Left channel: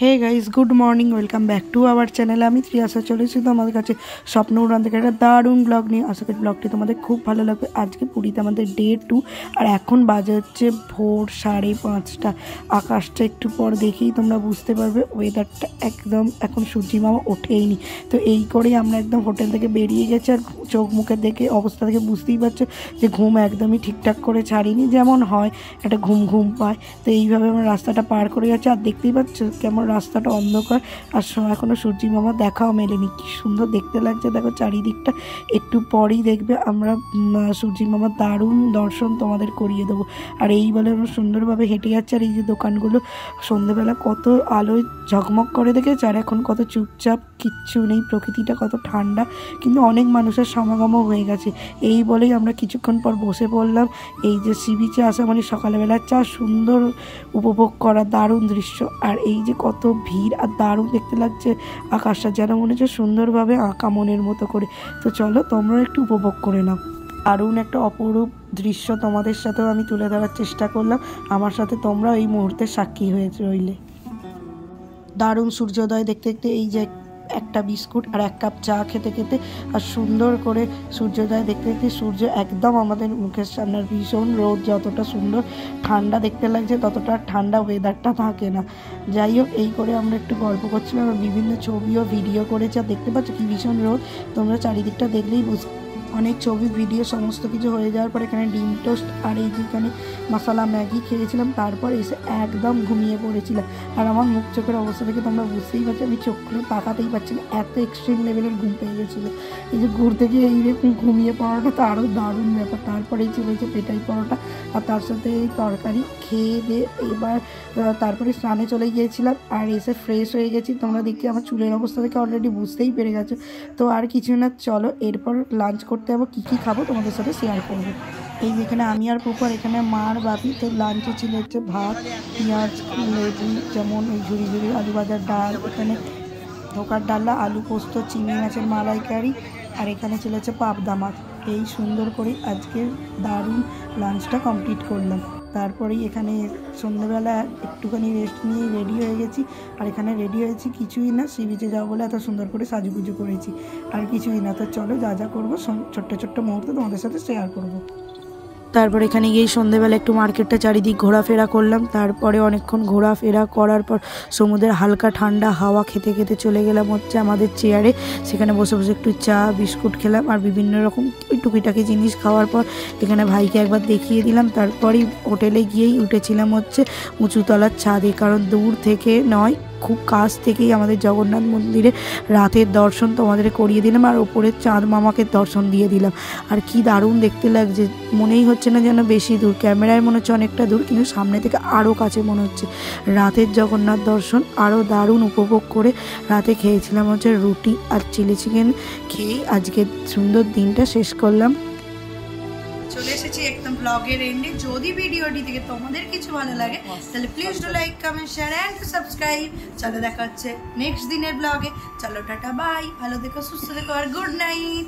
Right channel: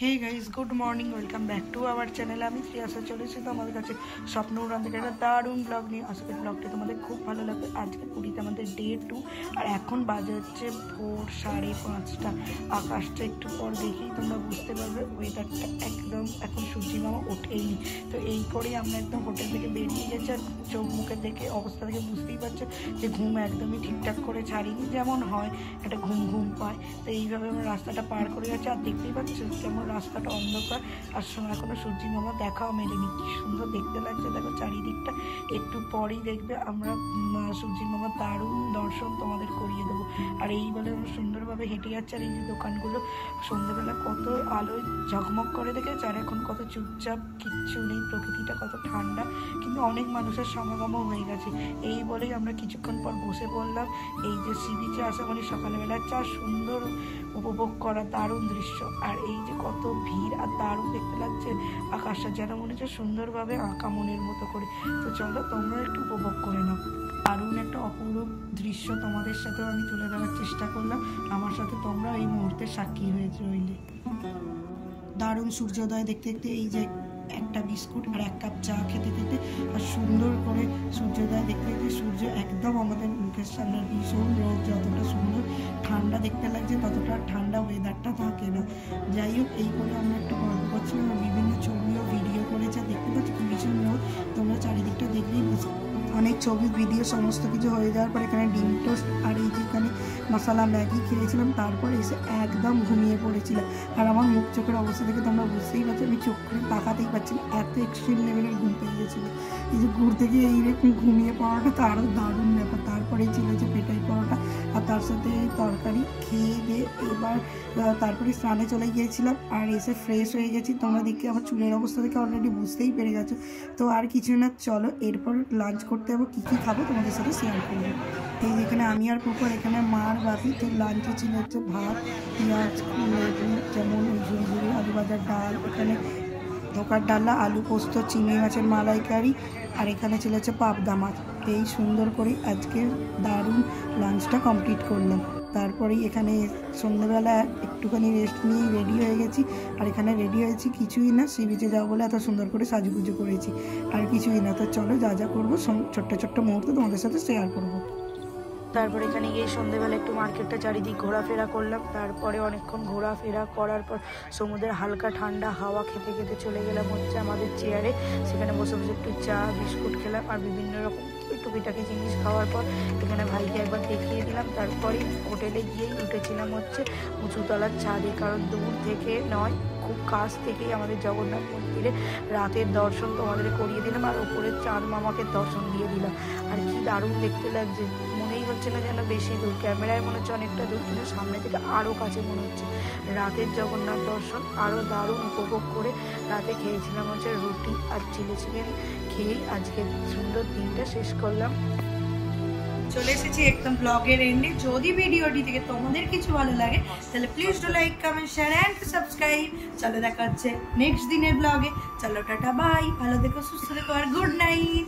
Hey guys good morning, welcome back to our channel. আমি ত্রিয়াশা চলেছি তোমাদের কাছে স্বপ্ন উড়ান থেকে একটা দারুণ ব্লগ নিয়ে। আশা করি ব্লগটি তোমাদের খুব ভালো লাগবে। আজকে পুরীতে আমাদের ডে 2 আর এখন বাজে হচ্ছে ভোর 5:30। আকাশটা একটু পর দেখেই তোমরা বুঝতে পারবে ওয়েদারটা একদম এখন সূর্যি মামা ওঠেইনি। তো এই করেই আমরা একদম হোটেল থেকে বেরিয়ে গেছি। আর চোখ মুখের দেখে অবস্থা থেকে বুঝতেই পারছো যে ঘুম একদমই ঠিকঠাক করে ছাড়িনি, যেমন হয় একটা ঘুম ঘুম পায়। তো এইভাবে আমরা রাস্তাটা পার করে যাচ্ছি। আর দেখতেই পাচ্ছ কেমন রাস্তাটা অন্ধকার, আর এখনো সূর্যি মামা দেখাও মেলেনি। কি সুন্দর দেখতে লাগছে দেখো চারিদিকটা। একটু পরেই দেখবে আমরা সূর্যি মামার দারুণ দর্শন তোমাদের করিয়ে দেবো। আর এই বলে আমরা সুন্দরভাবে হেঁটে যাচ্ছি। আর এই যে দোকানগুলো সন্ধ্যেবেলা কত আলোয় ঝকমক করে দেখেছে, আর এখন কত চুপচাপ, কিচ্ছু নেই, প্রকৃতিটা কত ঠান্ডা, কিন্তু অনেক মানুষের সমাগমও হয়ে গেছে। এই বলেই আমরা কিছুক্ষণ পর বসে পড়লাম। এই যে সি বিচে আসা মানে সকালবেলার চা সুন্দর উপভোগ করা দারুণ দৃশ্য। আর এই যে কত ভিড়, আর দারুণ দেখতে লাগছে আকাশটা, যেন মনে হচ্ছে সুন্দরভাবে আঁকা মনের মতো করে। তো চলো তোমরাও একটু উপভোগ করে নাও। দারুণ একটা অপরূপ দৃশ্য তোমাদের সাথেও আমি তুলে ধরার চেষ্টা করলাম। আমার সাথে তোমরা এই মুহূর্তে সাক্ষী হয়ে রইলে। দারুণ সূর্যোদয় দেখতে দেখতে এই যে একটা বিস্কুট আর এক কাপ চা খেতে খেতে আর সুন্দর করে সূর্যোদয় দেখতে দেখতে সূর্য একদম আমাদের মুখের সামনে। ভীষণ রোদ যতটা সুন্দর ঠান্ডা দেখতে লাগছে, ততটা ঠান্ডা ওয়েদারটা থাকে না। যাই হোক, এই করে আমরা একটু গল্প করছিলাম আর বিভিন্ন ছবিও ভিডিও করেছি। আর দেখতে পাচ্ছ কি ভীষণ রোদ, তোমরা চারিদিকটা দেখলেই বুঝতে। অনেক ছবি ভিডিও সমস্ত কিছু হয়ে যাওয়ার পর এখানে ডিম টোস্ট আর এই যেখানে মশলা ম্যাগি খেয়েছিলাম, তারপর এসে একদম ঘুমিয়ে পড়েছিলাম। আর আমার মুখ চোখের অবস্থা থেকে তোমরা বুঝতেই পারছো, আমি চোখ করে তাকাতেই পারছি না, এত এক্সট্রিম লেভেলের ঘুম পেয়ে গেছিলো। এই যে ঘুরতে গিয়ে এইরকম ঘুমিয়ে পড়াটা তো আরও দারুণ ব্যাপার। তারপরেই চলেছে পেটাই পরোটা আর তার সাথে এই তরকারি খেয়ে দিয়ে এবার তারপরে স্নানে চলে গিয়েছিলাম। আর এসে ফ্রেশ হয়ে গেছি। তোমরা দেখি আমার চুলের অবস্থা থেকে অলরেডি বুঝতেই পেরে গেছো। তো আর কিছু না, চলো এরপর লাঞ্চ করতে যাবো। কী কী খাবো তোমাদের সাথে শেয়ার করবো। এই যেখানে আমি আর পুকুর, এখানে মার বাপিতে লাঞ্চে ছিল হচ্ছে ভাত, পেঁয়াজ, লেবু, যেমন ওই ঝুড়ি ঝুড়ি আলু ভাজার ডাল, এখানে ধোকার ডালা, আলু পোস্ত, চিংড়ি মাছের মালাইকারি, আর এখানে ছিল হচ্ছে পাবদা মাছ। এই সুন্দর করে আজকে দারুণ লাঞ্চটা কমপ্লিট করলাম। তারপরেই এখানে সন্ধ্যেবেলা একটুখানি রেস্ট নিয়ে রেডি হয়ে গেছি। আর এখানে রেডি হয়েছি কিছুই না, সি বিচে যাবো বলে এত সুন্দর করে সাজুগুজু করেছি, আর কিছুই না। তো চলো যা যা করবো ছোট্ট ছোট্ট মুহূর্ত তোমাদের সাথে শেয়ার করবো। তারপর এখানে গিয়ে সন্ধ্যেবেলা একটু মার্কেটটা চারিদিক ঘোরাফেরা করলাম। তারপরে অনেকক্ষণ ঘোরাফেরা করার পর সমুদ্রের হালকা ঠান্ডা হাওয়া খেতে খেতে চলে গেলাম হচ্ছে আমাদের চেয়ারে। সেখানে বসে বসে একটু চা বিস্কুট খেলাম আর বিভিন্ন রকম টুকিটাকি জিনিস খাওয়ার পর এখানে ভাইকে একবার দেখিয়ে দিলাম। তারপরেই হোটেলে গিয়েই উঠেছিলাম হচ্ছে উঁচুতলার ছাদে, কারণ দূর থেকে নয়, খুব কাছ থেকেই আমাদের জগন্নাথ মন্দিরে রাতের দর্শন তোমাদের করিয়ে দিলাম। আর ওপরের চাঁদ মামাকে দর্শন দিয়ে দিলাম। আর কি দারুণ দেখতে লাগছে, মনেই হচ্ছে না যেন বেশি দূর, ক্যামেরায় মনে হচ্ছে অনেকটা দূর, কিন্তু সামনে থেকে আরও কাছে মনে হচ্ছে। রাতের জগন্নাথ দর্শন আরও দারুণ উপভোগ করে রাতে খেয়েছিলাম হচ্ছে রুটি আর চিলি চিকেন খেয়েই আজকে সুন্দর দিনটা শেষ করলাম। চলে এসেছি একদম ব্লগের এন্ডে। যদি ভিডিওটি থেকে তোমাদের কিছু ভালো লাগে তাহলে please do like, comment, share and subscribe. চলো দেখা হচ্ছে নেক্সট দিনের ব্লগে। চলো টাটা বাই, ভালো দেখো, সুস্থ দেখো আর গুড নাইট।